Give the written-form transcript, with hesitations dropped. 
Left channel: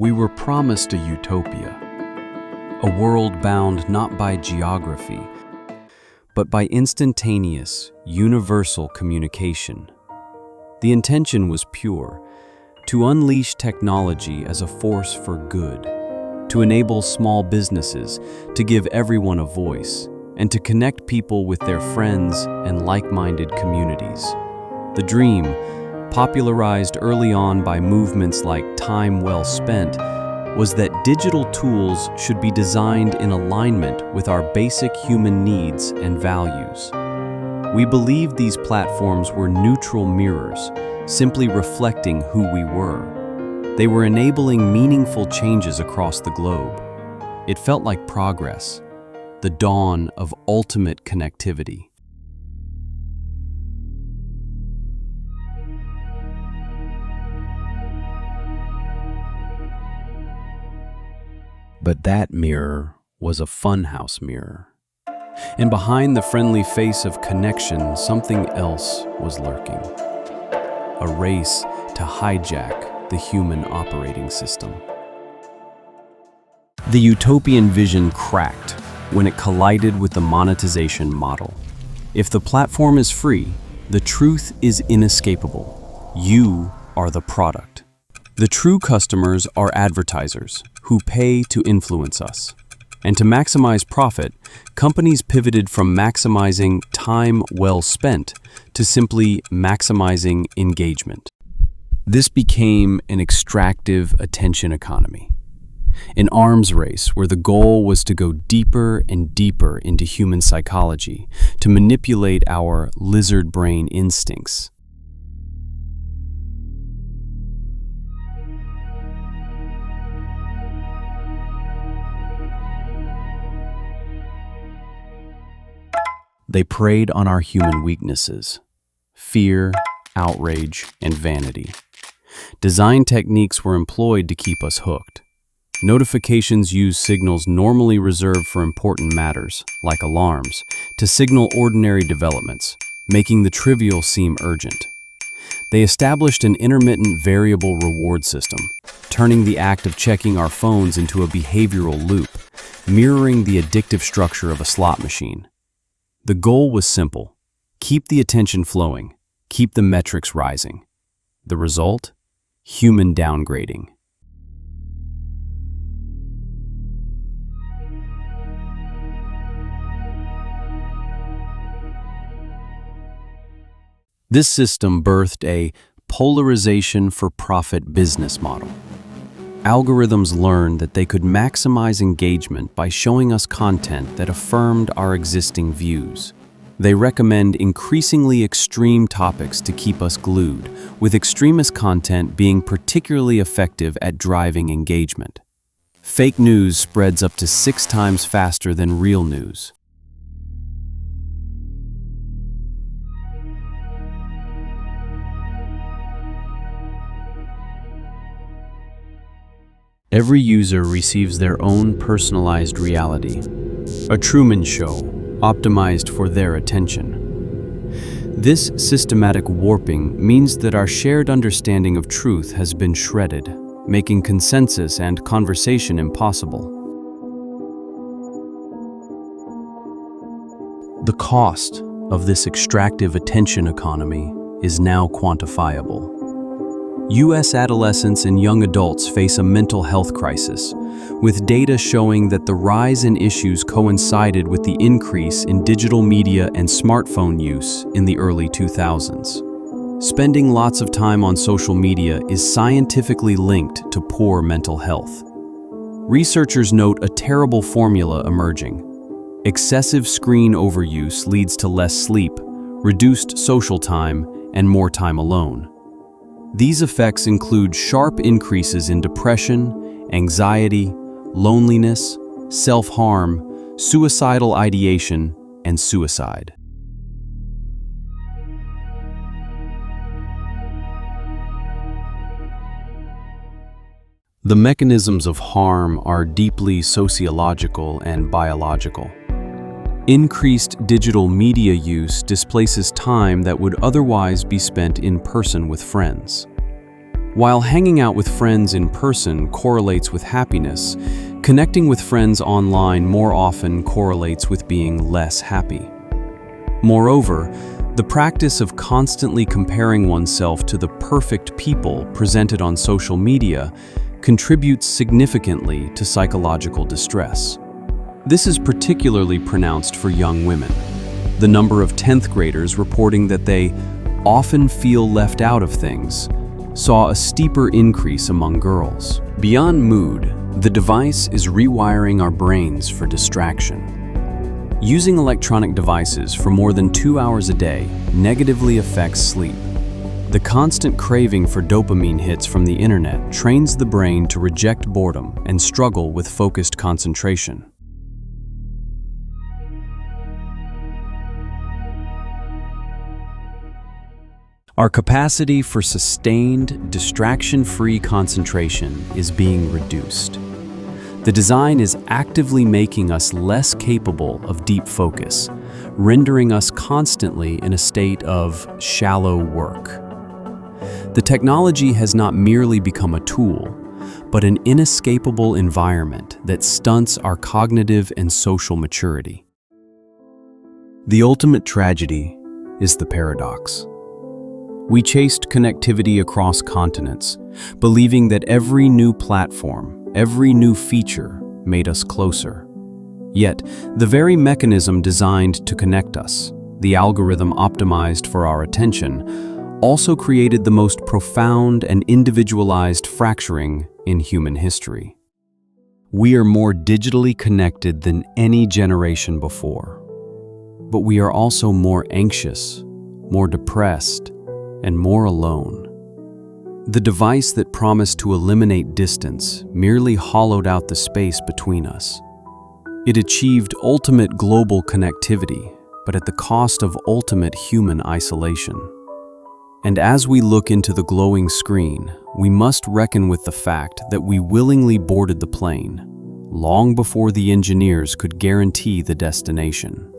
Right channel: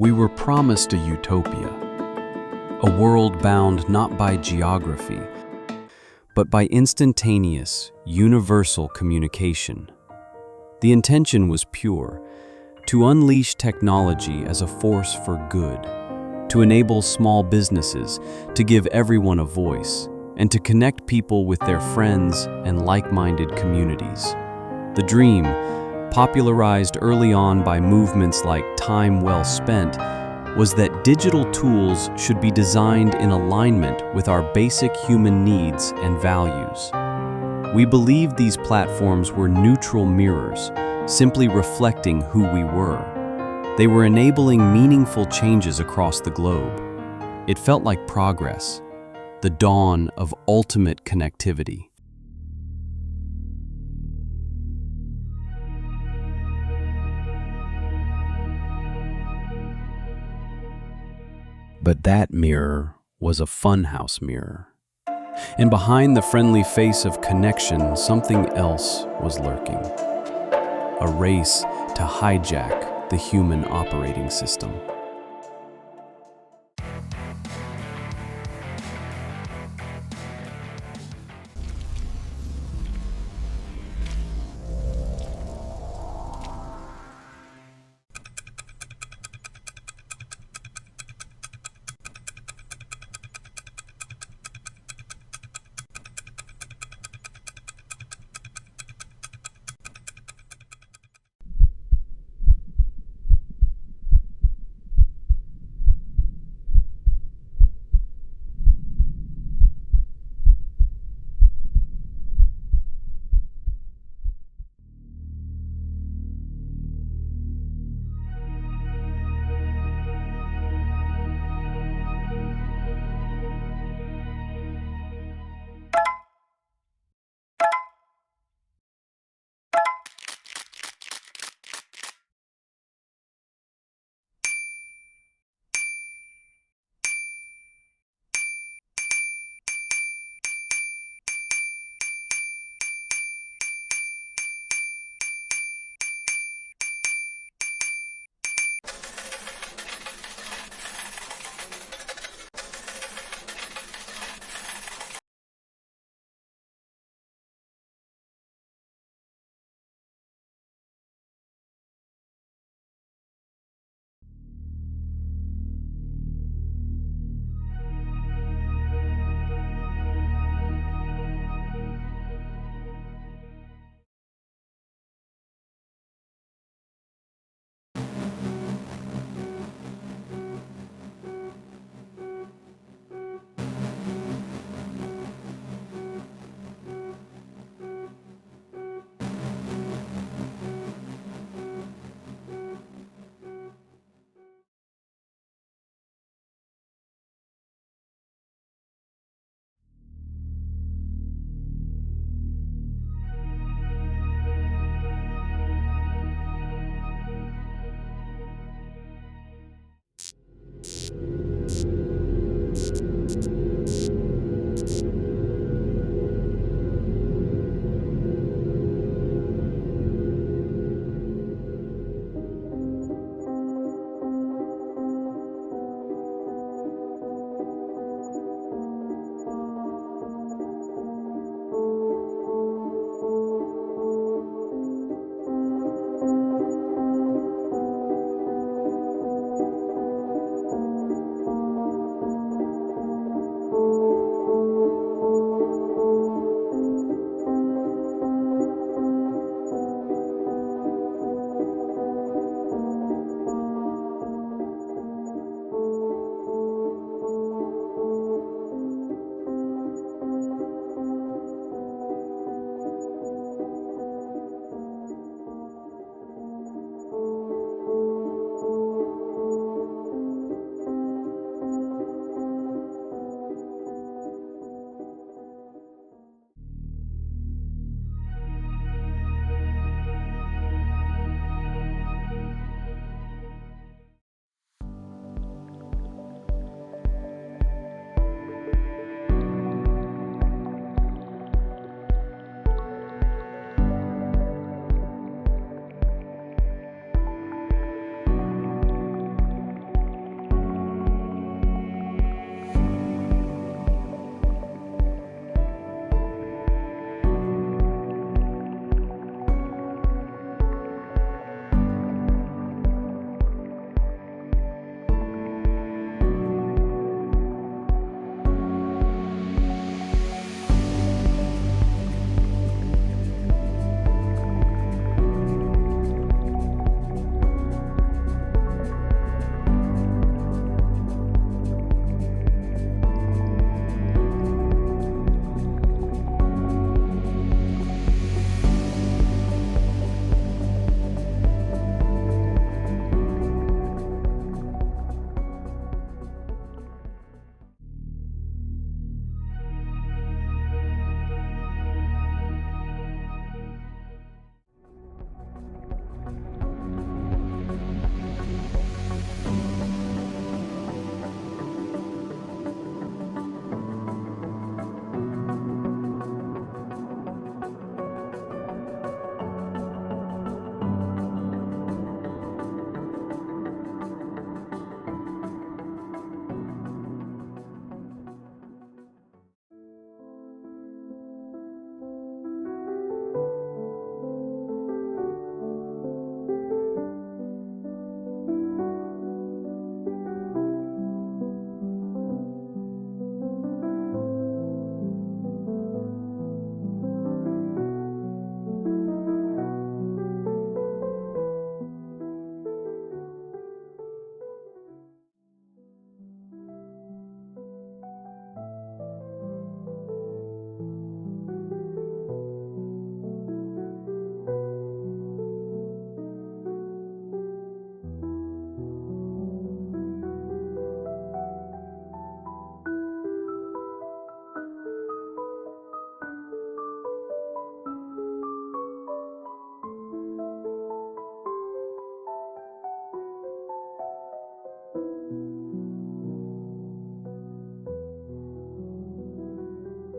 We were promised a utopia, a world bound not by geography, but by instantaneous, universal communication. The intention was pure, to unleash technology as a force for good, to enable small businesses, to give everyone a voice, and to connect people with their friends and like-minded communities. The dream, popularized early on by movements like Time Well Spent, was that digital tools should be designed in alignment with our basic human needs and values. We believed these platforms were neutral mirrors, simply reflecting who we were. They were enabling meaningful changes across the globe. It felt like progress, the dawn of ultimate connectivity. But that mirror was a funhouse mirror. And behind the friendly face of connection, something else was lurking. A race to hijack the human operating system. The utopian vision cracked when it collided with the monetization model. If the platform is free, the truth is inescapable. You are the product. The true customers are advertisers who pay to influence us. And to maximize profit, companies pivoted from maximizing time well spent to simply maximizing engagement. This became an extractive attention economy, an arms race where the goal was to go deeper and deeper into human psychology, to manipulate our lizard brain instincts. They preyed on our human weaknesses: fear, outrage, and vanity. Design techniques were employed to keep us hooked. Notifications used signals normally reserved for important matters, like alarms, to signal ordinary developments, making the trivial seem urgent. They established an intermittent variable reward system, turning the act of checking our phones into a behavioral loop, mirroring the addictive structure of a slot machine. The goal was simple: keep the attention flowing, keep the metrics rising. The result? Human downgrading. This system birthed a polarization for profit business model. Algorithms learned that they could maximize engagement by showing us content that affirmed our existing views. They recommend increasingly extreme topics to keep us glued, with extremist content being particularly effective at driving engagement. Fake news spreads up to 6 times faster than real news. Every user receives their own personalized reality, a Truman Show optimized for their attention. This systematic warping means that our shared understanding of truth has been shredded, making consensus and conversation impossible. The cost of this extractive attention economy is now quantifiable. U.S. adolescents and young adults face a mental health crisis, with data showing that the rise in issues coincided with the increase in digital media and smartphone use in the early 2000s. Spending lots of time on social media is scientifically linked to poor mental health. Researchers note a terrible formula emerging. Excessive screen overuse leads to less sleep, reduced social time, and more time alone. These effects include sharp increases in depression, anxiety, loneliness, self-harm, suicidal ideation, and suicide. The mechanisms of harm are deeply sociological and biological. Increased digital media use displaces time that would otherwise be spent in person with friends. While hanging out with friends in person correlates with happiness, connecting with friends online more often correlates with being less happy. Moreover, the practice of constantly comparing oneself to the perfect people presented on social media contributes significantly to psychological distress. This is particularly pronounced for young women. The number of 10th graders reporting that they often feel left out of things saw a steeper increase among girls. Beyond mood, the device is rewiring our brains for distraction. Using electronic devices for more than 2 hours a day negatively affects sleep. The constant craving for dopamine hits from the internet trains the brain to reject boredom and struggle with focused concentration. Our capacity for sustained, distraction-free concentration is being reduced. The design is actively making us less capable of deep focus, rendering us constantly in a state of shallow work. The technology has not merely become a tool, but an inescapable environment that stunts our cognitive and social maturity. The ultimate tragedy is the paradox. We chased connectivity across continents, believing that every new platform, every new feature made us closer. Yet, the very mechanism designed to connect us, the algorithm optimized for our attention, also created the most profound and individualized fracturing in human history. We are more digitally connected than any generation before, but we are also more anxious, more depressed, and more alone. The device that promised to eliminate distance merely hollowed out the space between us. It achieved ultimate global connectivity, but at the cost of ultimate human isolation. And as we look into the glowing screen, we must reckon with the fact that we willingly boarded the plane, long before the engineers could guarantee the destination.